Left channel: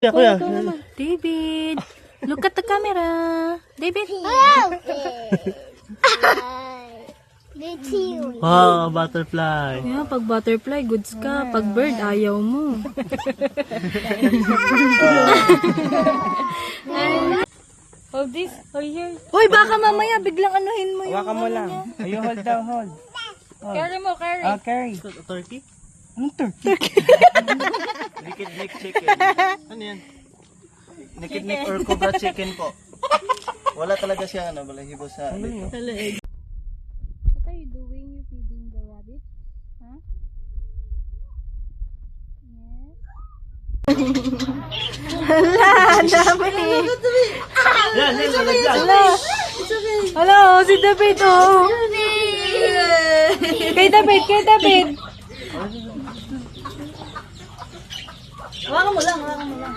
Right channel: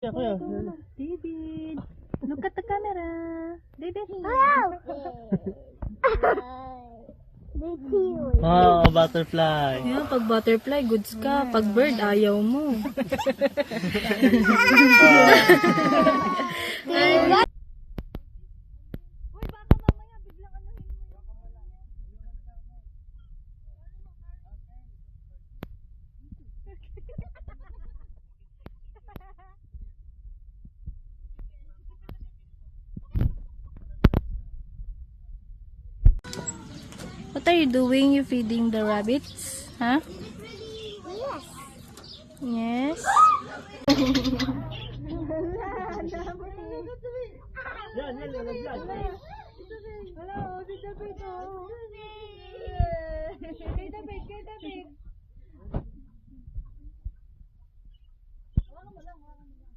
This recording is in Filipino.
Kuya. David, look at the camera. David. Wow, butterfly. Pag butterfly, goods ka. Pag bird, ayaw mo. Hold this. Oh, here. Hoy, baka mamaya biglang anuhin mo yung Hawakan mo lang. Ayo, hold daw, hold. Carry mo, carry. Carry. Turkey? Anong turkey? Naked neck chicken. Ano yan? Naked neck or cobra chicken po. Wala talaga siya, balahibo sa... What are you doing? You feeding the rabbits? Huh? Yes. Hala, dami. Yan, yan. Hello. Hello, si David, oh. Kay David, kay David. Hawakan mo lang, hawakan mo lang.